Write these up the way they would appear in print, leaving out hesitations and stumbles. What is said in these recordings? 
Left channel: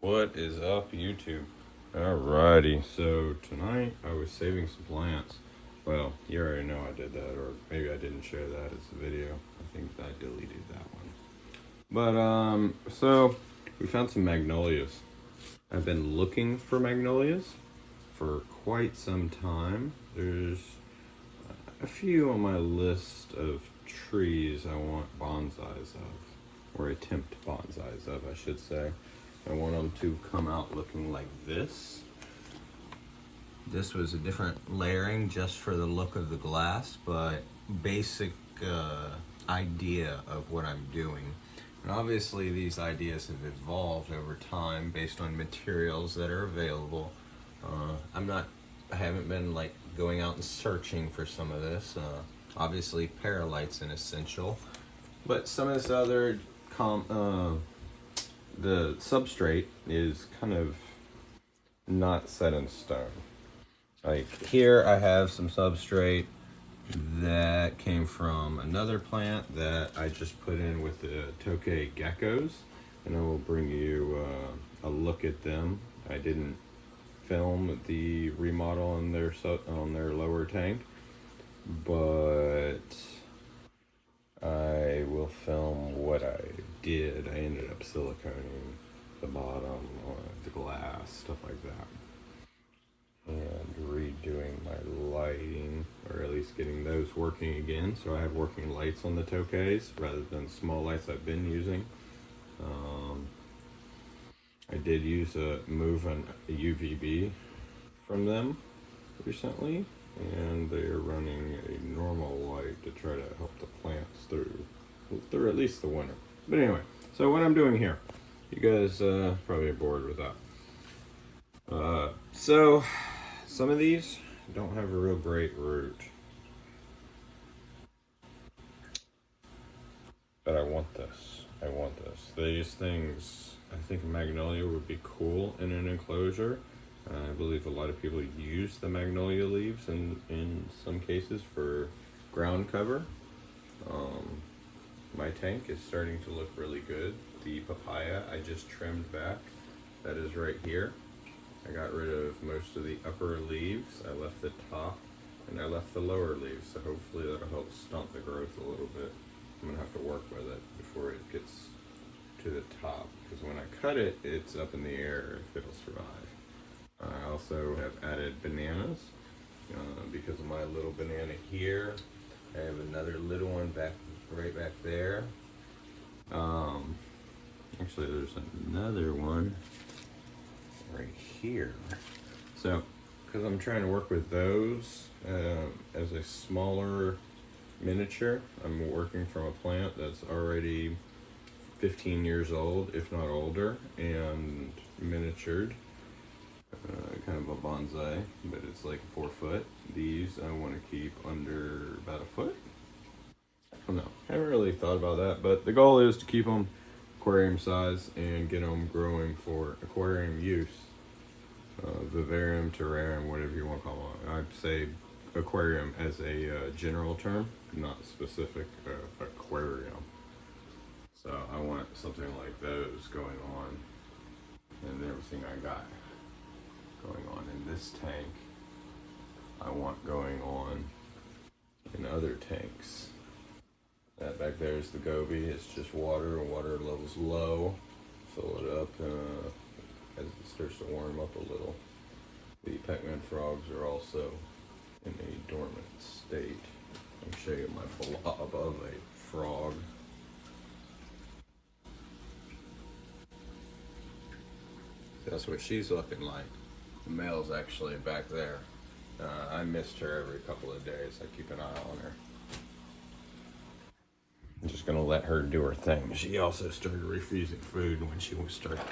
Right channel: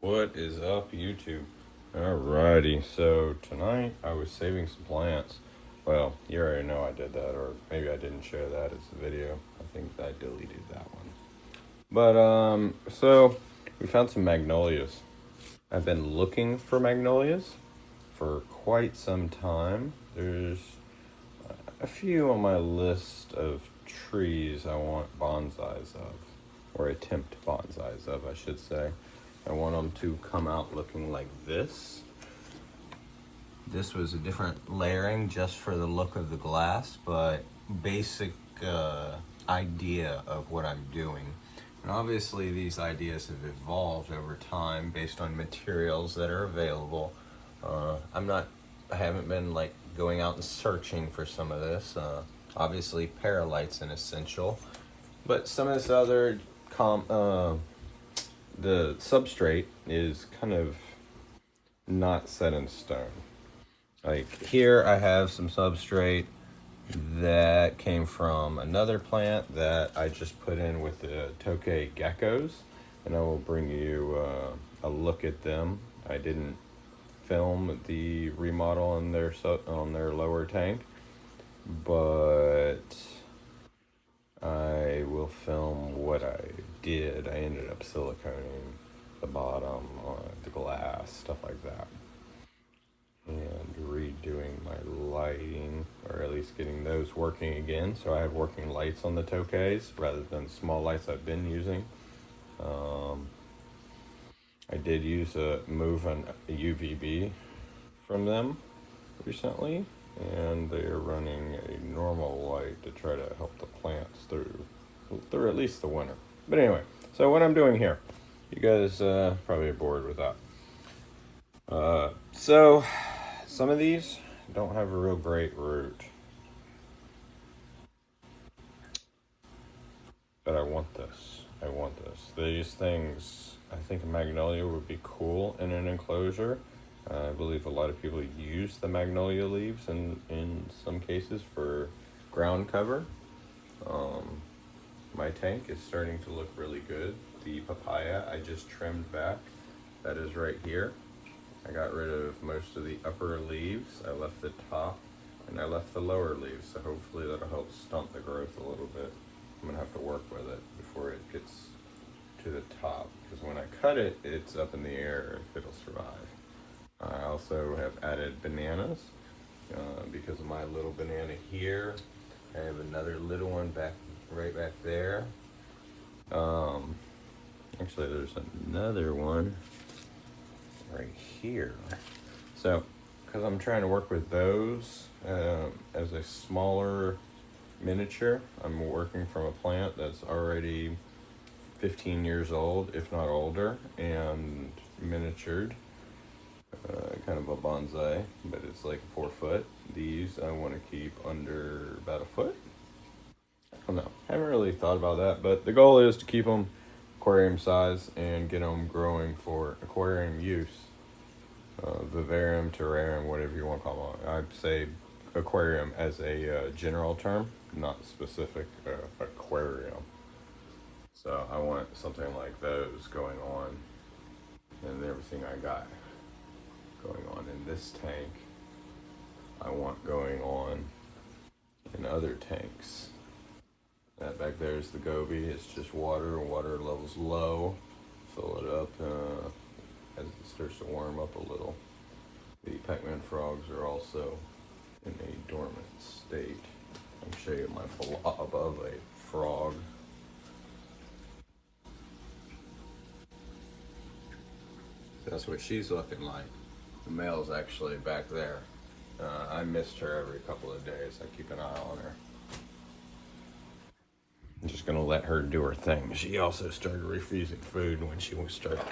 What is up, YouTube? Alrighty, so tonight I was saving some plants. Well, you already know I did that, or maybe I didn't share that as a video. I think I deleted that one. But, so we found some magnolias. I've been looking for magnolias for quite some time. There's a few on my list of trees I want bonsais of, or attempt bonsais of, I should say. I want them to come out looking like this. This was a different layering just for the look of the glass, but basic idea of what I'm doing. And obviously these ideas have evolved over time based on materials that are available. I haven't been like going out and searching for some of this. Obviously perlite's an essential, but some of this other the substrate is kind of not set in stone. Like here I have some substrate that came from another plant that I just put in with the tokay geckos, and I will bring you a look at them. I didn't film the remodel on their lower tank, but I will film what I did. I ended up siliconing the bottom, the glass, stuff like that, and redoing my lighting, or at least getting those working again. So I have working lights on the tokays rather than small lights I've been using. I did use a UVB from them recently, and they are running a normal light to try to help the plants through at least the winter. But anyway, so what I'm doing here, you guys probably are bored with that. So some of these don't have a real great root, but I want this. These things, I think a magnolia would be cool in an enclosure. I believe a lot of people use the magnolia leaves in some cases for ground cover. My tank is starting to look really good. The papaya I just trimmed back, that is right here. I got rid of most of the upper leaves. I left the top and I left the lower leaves, so hopefully that'll help stunt the growth a little bit. I'm gonna have to work with it before it gets to the top, because when I cut it, it's up in the air if it'll survive. I also have added bananas because of my little banana here. I have another little one right back there. Actually, there's another one right here. So, because I'm trying to work with those as a smaller miniature, I'm working from a plant that's already 15 years old, if not older, and miniatured. Kind of a bonsai, but it's like 4 foot. These I want to keep under about 1 foot. I don't know. Haven't really thought about that, but the goal is to keep them aquarium size and get them growing for aquarium use. Vivarium, terrarium, whatever you want to call them. I'd say aquarium as a general term, not specific aquarium. So I want something like those going on, and everything I got going on in this tank, I want going on in other tanks. That back there is the goby. It's just water level's low. Fill it up as it starts to warm up a little. The Pac-Man frogs are also in a dormant state. I'll show you my blob of a frog. That's what she's looking like. The male's actually back there. I missed her every couple of days. I keep an eye on her. I'm just gonna let her do her thing. She also started refusing food when she started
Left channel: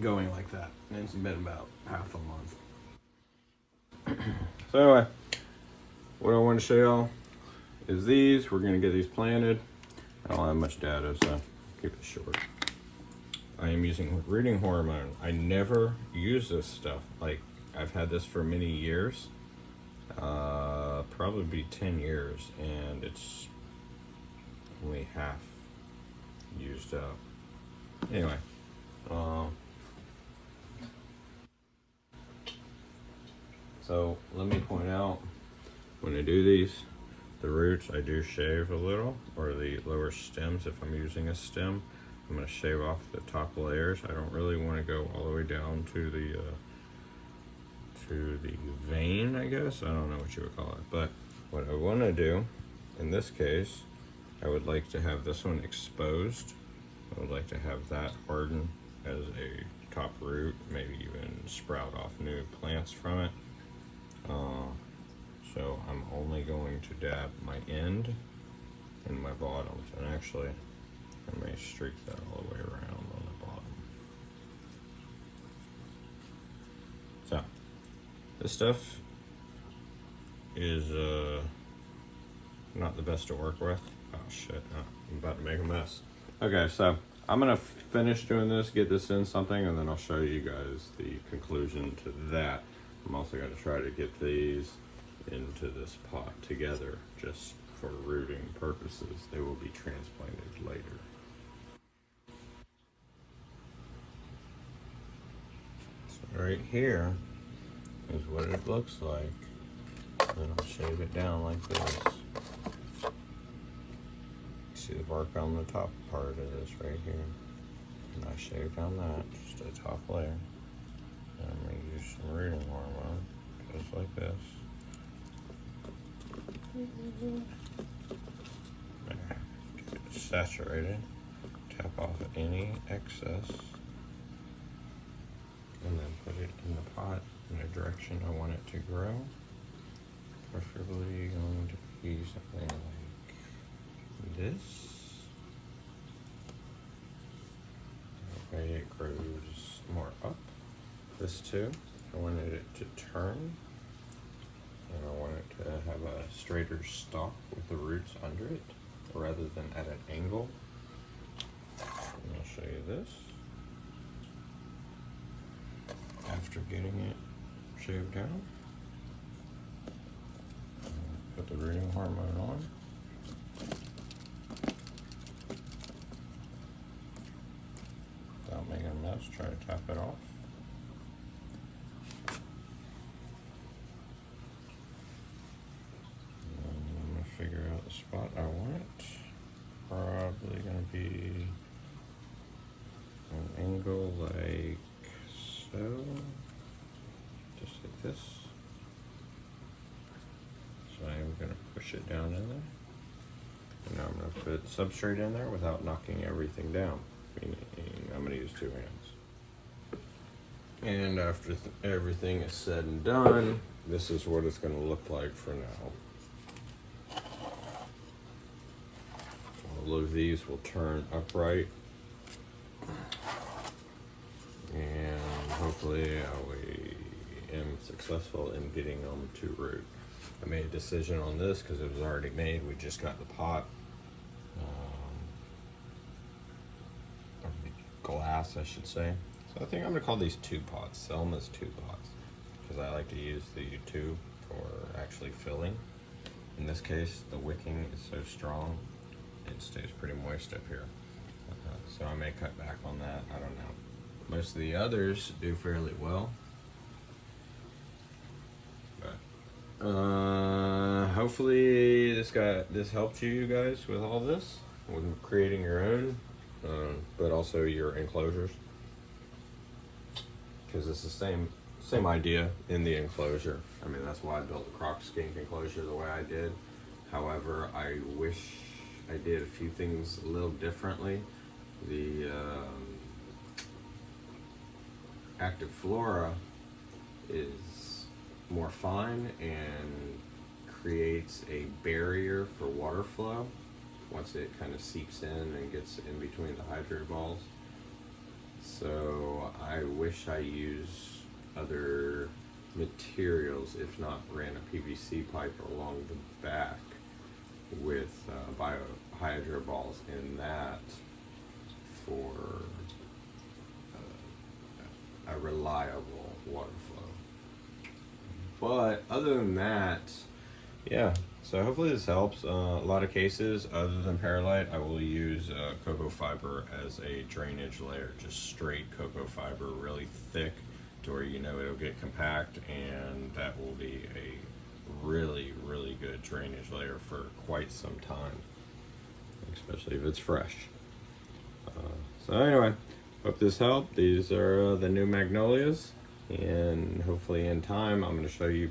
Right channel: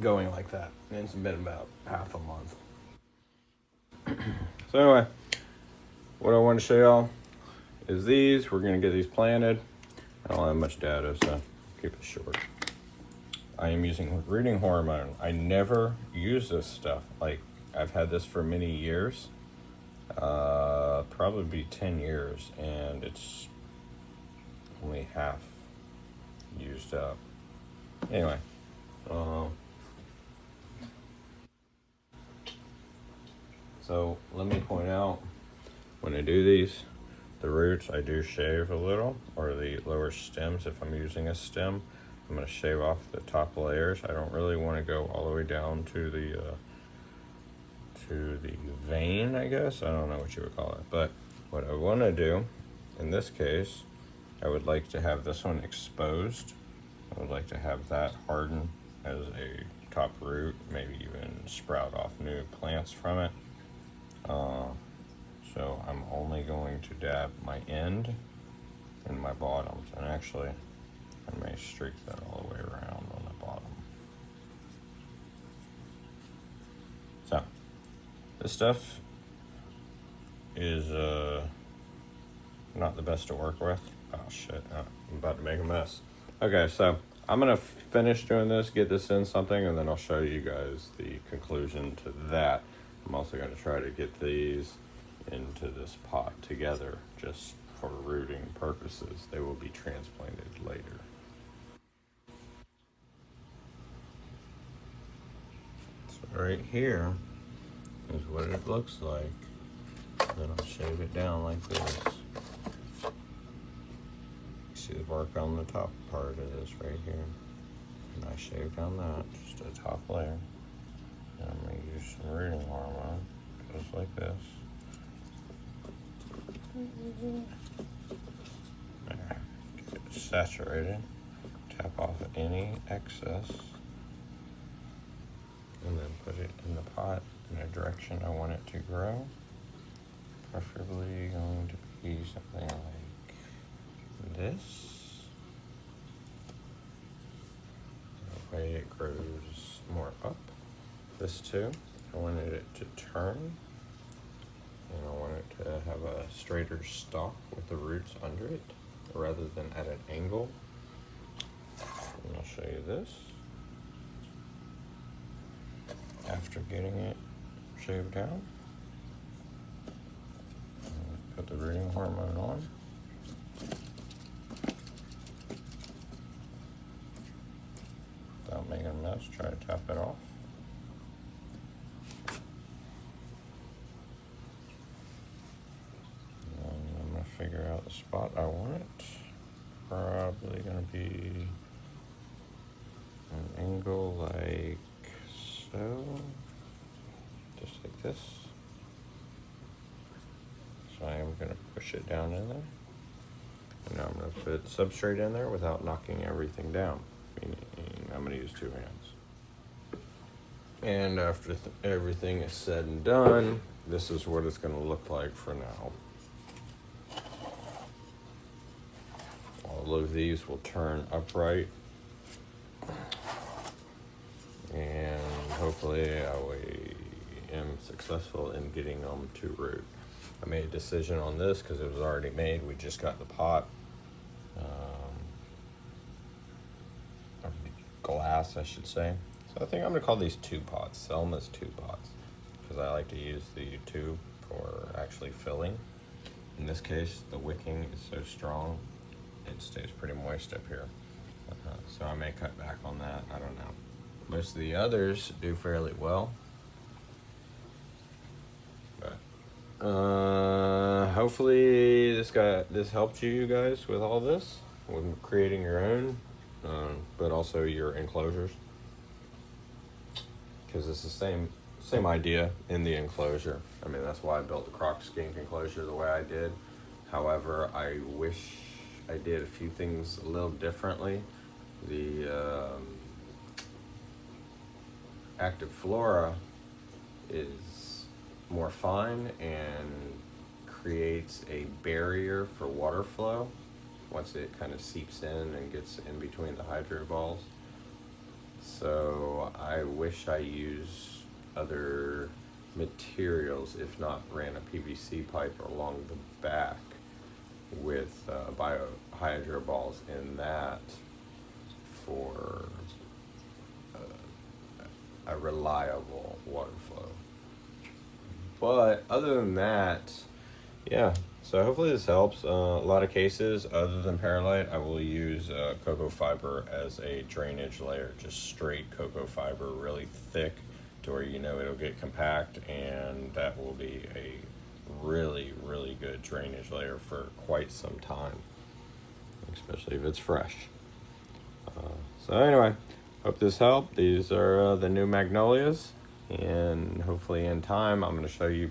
going like that. And it's been about half a month. So anyway, what I want to show y'all is these. We're gonna get these planted. I don't have much data, so keep it short. I am using rooting hormone. I never use this stuff. Like, I've had this for many years, probably 10 years, and it's only half used up. Anyway, So let me point out, when I do these, the roots I do shave a little, or the lower stems. If I'm using a stem, I'm going to shave off the top layers. I don't really want to go all the way down to the vein, I guess. I don't know what you would call it. But what I want to do, in this case, I would like to have this one exposed. I would like to have that harden as a top root, maybe even sprout off new plants from it. So I'm only going to dab my end and my bottoms, and actually I may streak that all the way around on the bottom. So this stuff is not the best to work with. Oh shit, I'm about to make a mess. Okay, so I'm gonna finish doing this, get this in something, and then I'll show you guys the conclusion to that. I'm also gonna try to get these into this pot together just for rooting purposes. They will be transplanted later. So right here is what it looks like. And I'll shave it down like this. See the work on the top part of this right here. And I shave down that, just a top layer. And I'm going to use some rooting hormone, just like this. Get it saturated. Tap off any excess. And then put it in the pot in the direction I want it to grow. Preferably going to be something like this. That way it grows more up. This too, I wanted it to turn. And I want it to have a straighter stalk with the roots under it, rather than at an angle. And I'll show you this. After getting it shaved down, put the rooting hormone on. Without making a mess, try to tap it off. And I'm going to figure out the spot I want it. Probably going to be an angle like so, just like this. So I am going to push it down in there. And now I'm going to put substrate in there without knocking everything down. Meaning I'm going to use 2 hands. And after everything is said and done, this is what it's going to look like for now. All of these will turn upright. And hopefully I am successful in getting them to root. I made a decision on this because it was already made. We just got the pot. Glass, I should say. So I think I'm going to call these 2 pots. Sell them as 2 pots. Because I like to use the tube for actually filling. In this case, the wicking is so strong, it stays pretty moist up here. So I may cut back on that. I don't know. Most of the others do fairly well. But hopefully this helped you guys with all this, with creating your own, but also your enclosures, because it's the same idea in the enclosure. I mean, that's why I built the croc skink enclosure the way I did. However, I wish I did a few things a little differently. The active flora is more fine and creates a barrier for water flow once it kind of seeps in and gets in between the hydro balls. So I wish I used other materials, if not ran a PVC pipe along the back with hydro balls in that for a reliable water flow. But other than that, yeah, so hopefully this helps. A lot of cases, other than perlite, I will use cocoa fiber as a drainage layer, just straight cocoa fiber, really thick, to where you know it'll get compact, and that will be a really, really good drainage layer for quite some time, especially if it's fresh. So anyway, hope this helped. These are the new Magnolias, and hopefully in time I'm going to show you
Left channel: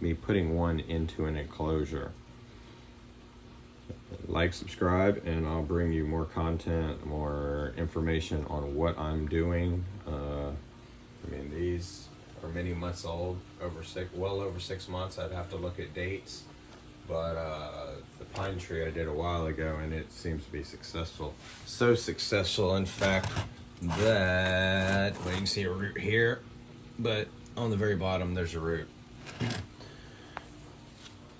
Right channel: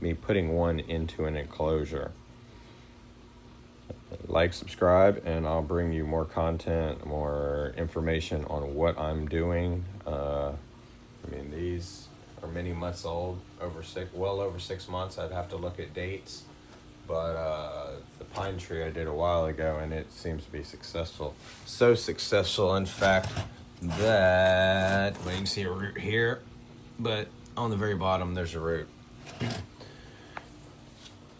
me putting one into an enclosure. Like, subscribe, and I'll bring you more content, more information on what I'm doing. I mean, these are many months old, well over 6 months. I'd have to look at dates, but the pine tree I did a while ago, and it seems to be successful. So successful, in fact, that, well, you can see a root here, but on the very bottom there's a root,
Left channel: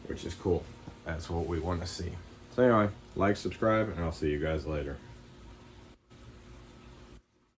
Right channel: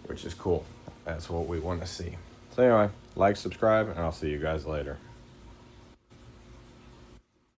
which is cool. That's what we want to see. So anyway, like, subscribe, and I'll see you guys later.